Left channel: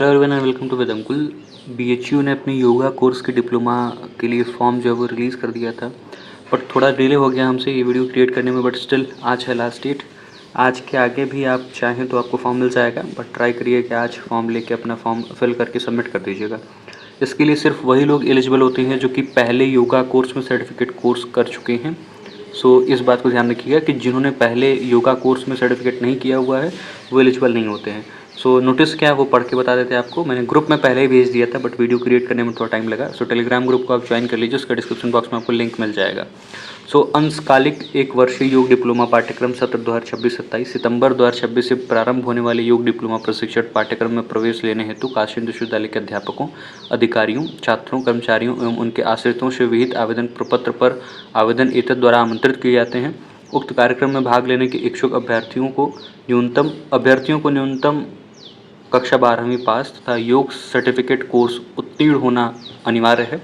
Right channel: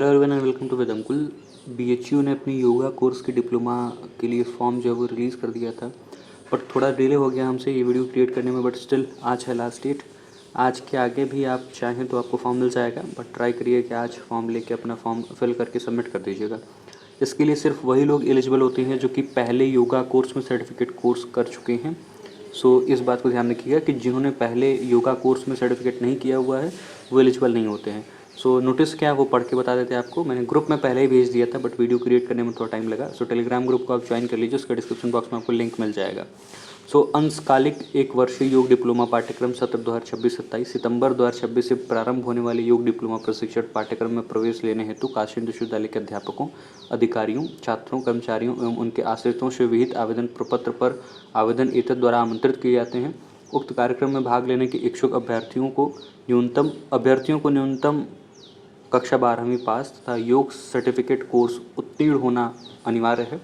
Hello everyone and welcome to वेदंकुल। BHU ने अपनी योगा कोर्स के डिप्लोमा के लिए फॉर्म जो है वो रिलीज़ कर दिया था, बट थोड़ा डिले हो गया हमसे ये वीडियो क्रिएट करने में। बट स्टिल आज है लास्ट डेट। आज के आगे भी आप चाहें तो आपको फॉर्म मिल जाएगा, बट ट्राई करिए कि आज फॉर्म लेके अपना फॉर्म फिल करके सबमिट कर दीजिएगा। इसके लिए सिर्फ वही लोग एलिजिबल होते हैं जो कि पहले योगा कोर्स में सर्टिफिकेट कोर्स कर चुके हैं। सो इस बात को ध्यान रखिएगा कि जिन्होंने पहले योगा कोर्स में सर्टिफिकेट नहीं किया हुआ है वो एलिजिबल नहीं होते हैं। सो नोटिस क्या है वो पढ़ के बता देते हैं आपको। मैंने ग्रुप में पहले ही भेज दिया था, बट वीडियो क्रिएट करने में थोड़ा टाइम लगा। सो टेलीग्राम ग्रुप को आप ज्वाइन कर लीजिए, उसका डिस्क्रिप्शन बॉक्स में आपको लिंक मिल जाएगा। सो अंशकालिक एक वर्षीय योग डिप्लोमा पाठ्यक्रम सत्र 2026-27 सितंबर 2026 से प्रारंभ होने वाले योग डिप्लोमा प्रशिक्षण पाठ्यक्रम में प्रवेश लेने हेतु काशी विश्वविद्यालय के अध्यापकों, अधिकारियों, छात्रों, कर्मचारियों एवं उनके आश्रितों से विहित आवेदन प्रपत्र पर आवेदन एतद द्वारा आमंत्रित किए जाते हैं। उक्त कार्यक्रम में भाग लेने के इच्छुक अभ्यर्थियों को न्यूनतम कक्षा 12वीं पास तथा योग सर्टिफिकेट कोर्स उत्तीर्ण होना अनिवार्य है।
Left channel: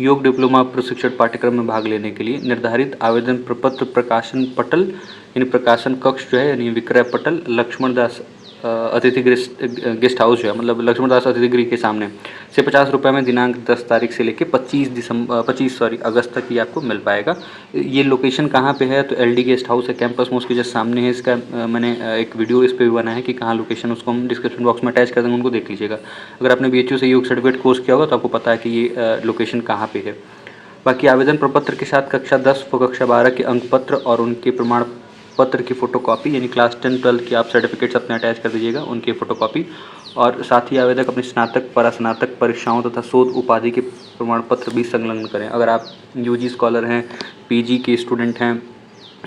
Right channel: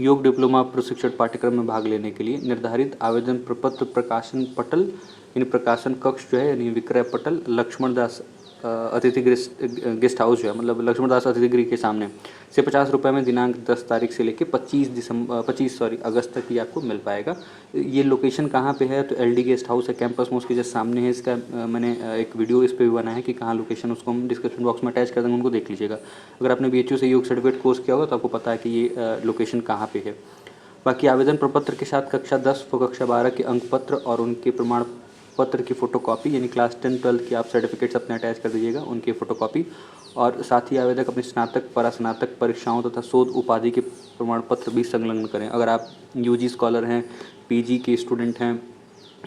योग डिप्लोमा प्रशिक्षण पाठ्यक्रम में भाग लेने के लिए निर्धारित आवेदन प्रपत्र प्रकाशन पटल यानी प्रकाशन कक्ष जो है यानी विक्रय पटल लक्ष्मण दास अतिथि गेस्ट हाउस जो है मतलब लक्ष्मण दास अतिथि गृह के सामने से 50 रुपये में दिनांक 10 तारीख से लेकर 25 अगस्त तक ही आपको मिल पाएगा। ये लोकेशन कहाँ पे है? तो एलडी गेस्ट हाउस है, कैंपस मोस्ट के जस्ट सामने है। इसका मैंने एक वीडियो इस पर भी बनाया है कि कहाँ लोकेशन, उसको हम डिस्क्रिप्शन बॉक्स में अटैच कर देंगे, उनको देख लीजिएगा। अगर आपने बीएचयू से योग सर्टिफिकेट कोर्स किया होगा तो आपको पता है कि ये लोकेशन कहाँ पे है। बाकी आवेदन प्रपत्र के साथ कक्षा 10 व कक्षा 12 के अंक पत्र और उनके प्रमाण पत्र की फ़ोटोकॉपी यानी क्लास 10-12 की आप सर्टिफिकेट्स अपने अटैच कर दीजिएगा, उनकी फ़ोटोकॉपी। और साथ ही आवेदक अपनी स्नातक परास्नातक परीक्षाओं तथा शोध उपाधि के प्रमाण पत्र भी संलग्न करें। अगर आप यूजी स्कॉलर हैं, पीजी के स्टूडेंट हैं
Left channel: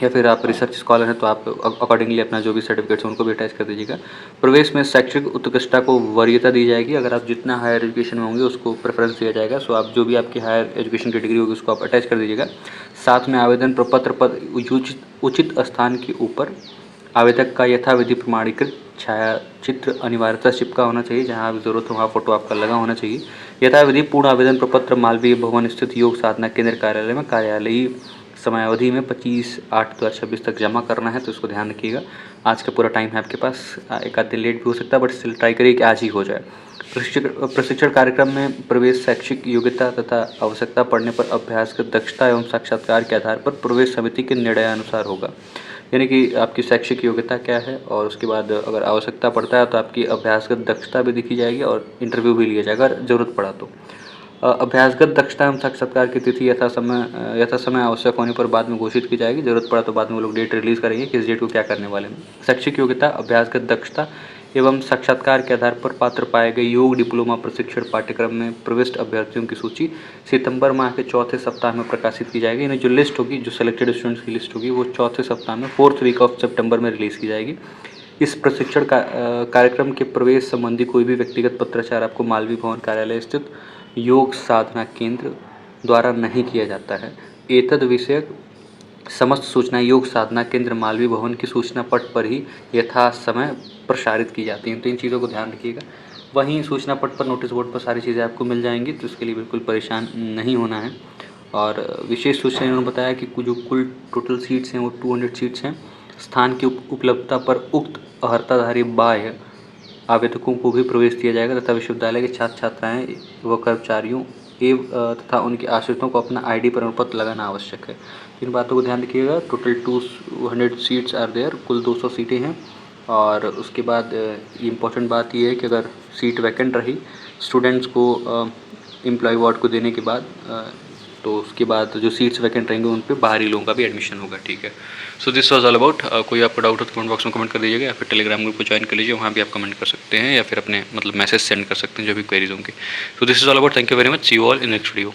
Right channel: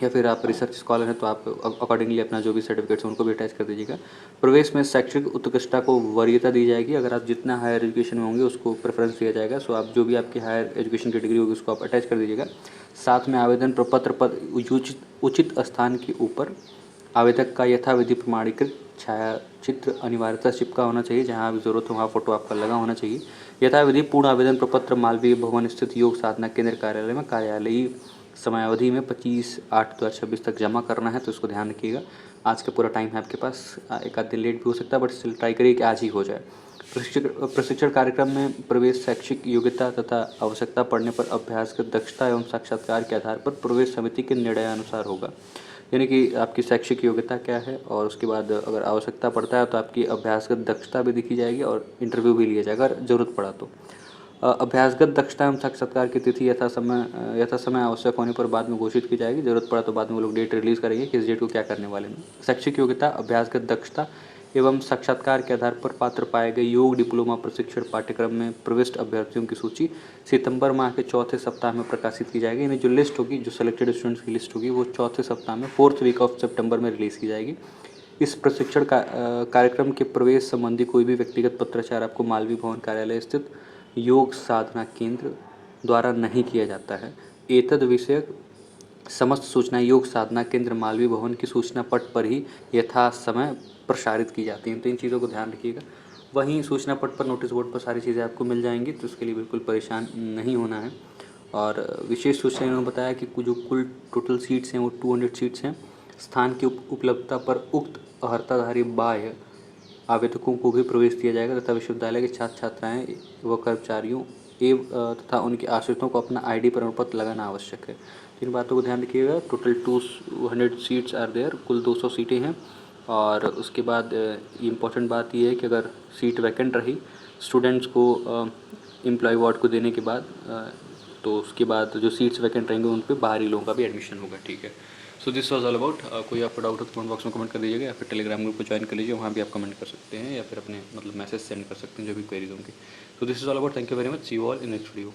या फिर आप रिसर्च स्कॉलर हैं तो आप अकॉर्डिंगली अपना जो भी सर्टिफिकेट्स हैं उनको भी अटैच कर दीजिएगा। प्रवेश में शैक्षिक उत्कृष्टता को वरीयता दी जाएगी। अगर आप जितना हायर एजुकेशन में होंगे उसको प्रेफरेंस दिया जाएगा। सो आप जो भी आपकी हायर एजुकेशन की डिग्री होगी उसको आप अटैच कर दीजिएगा। साथ में आवेदन प्रपत्र पर उचित स्थान के ऊपर आवेदक का यथाविधि प्रमाणीकृत छायाचित्र अनिवार्यता चिपका होना चाहिए। जहाँ आप ज़रूरत हो वहाँ फोटो आपका लगा होना चाहिए। यथाविधि पूर्ण आवेदन प्रपत्र मालवीय भवन स्थित योग साधना केंद्र कार्यालय में कार्यालयी समयावधि में 25/8/2026 तक जमा करना है, तो इसको ध्यान रखिएगा। आज का पूरा टाइम है आपके पास, एक आध दिन लेट भी हो सकता है, बट स्टिल ट्राई करिए कि आज ही हो जाए। प्रशिक्षण कार्यक्रम में प्रवेश शैक्षिक योग्यता तथा आवश्यकता पड़ने पर अभ्यासगत दक्षता एवं साक्षात्कार के आधार पर प्रवेश समिति के निर्णयानुसार होगा। यानी कि आपकी शैक्षिक योग्यता क्या है और उसके बाद अगर आवश्यकता पड़ता है तो आपकी अभ्यासगत दक्षता भी देखी जाएगी और इंटरव्यू भी लिया जाएगा अगर ज़रूरत पड़ा तो। अभ्यासगत दक्षता एवं साक्षात्कार की तिथि यथा समय आवश्यक होने पर बाद में घोषित की जाएगी। ज़रूरत पड़ा तो बाद में वो लोग डेट रिलीज़ करेंगे किस डेट को क्या करने वाले हैं। शैक्षिक योग्यता, अभ्यासगत दक्षता एवं साक्षात्कार के आधार पर पात्र पाए गए योग डिप्लोमा प्रशिक्षण पाठ्यक्रम में प्रविष्ट अभ्यर्थियों की सूची सितंबर माह के चौथे सप्ताह में प्रकाशित की जाएगी। यानी जो लिस्ट होगी, जो सेलेक्टेड स्टूडेंट्स की लिस्ट होगी वो चौथे सप्ताह में 4th वीक ऑफ सितंबर में रिलीज़ की जाएगी। इस प्रशिक्षण कार्यक्रम के प्रवेश संबंधी कोई भी व्यक्तिगत पत्राचार आपको मालवीय भवन कार्यालय स्थित योग साधना केंद्र द्वारा नहीं किया जाता है। एतद विषयक समस्त सूचनाएं योग साधना केंद्र मालवीय भवन की सूचना पट पर ही यथा समय प्रसारित की जाती हैं। तो इन चीज़ों को ध्यान रखिएगा। वहीं सूचना पट पर, नोटिस बोर्ड पर सारी चीज़ें आपको मिल जाएंगी, तो इसके लिए बिल्कुल परेशान नहीं होना है। और विशेष सूचना इन्होंने बताया कि जो कुल टोटल सीट्स हैं वो 200 सीट्स हैं। स्थान की उपलब्धता पर उक्त अर्हताधारी बाह्य आवेदकों को भी प्रवेश दिया जाएगा तथा विश्वविद्यालय के छात्र छात्राएं व कर्मचारियों तथा उनके आश्रितों को अपना आईडी प्रमाण पत्र लगाना आवश्यक है। इन बातों को ध्यान रखिएगा। टोटल 200 सीट्स आर देयर, कुल 200 सीटें हैं। और उसके बाद इम्पॉर्टेंट बात यह है कि अगर सीट वैकेंट रही स्टूडेंट्स को एम्प्लॉय वार्ड को देने के बाद तो उसके बाद जो सीट्स वैकेंट रहेंगे उन पे बाहरी लोगों का भी एडमिशन होगा। ठीक है। So this was all about. कोई आपको डाउट हो तो कमेंट बॉक्स में कमेंट कर दीजिएगा या फिर टेलीग्राम ग्रुप को ज्वाइन कर लीजिए, वहाँ भी आप कमेंट कर सकते हैं या फिर अपने मैसेज सेंड कर सकते हैं जो भी क्वेरीज होंगे। So this is all about. Thank you very much. See you all in next video.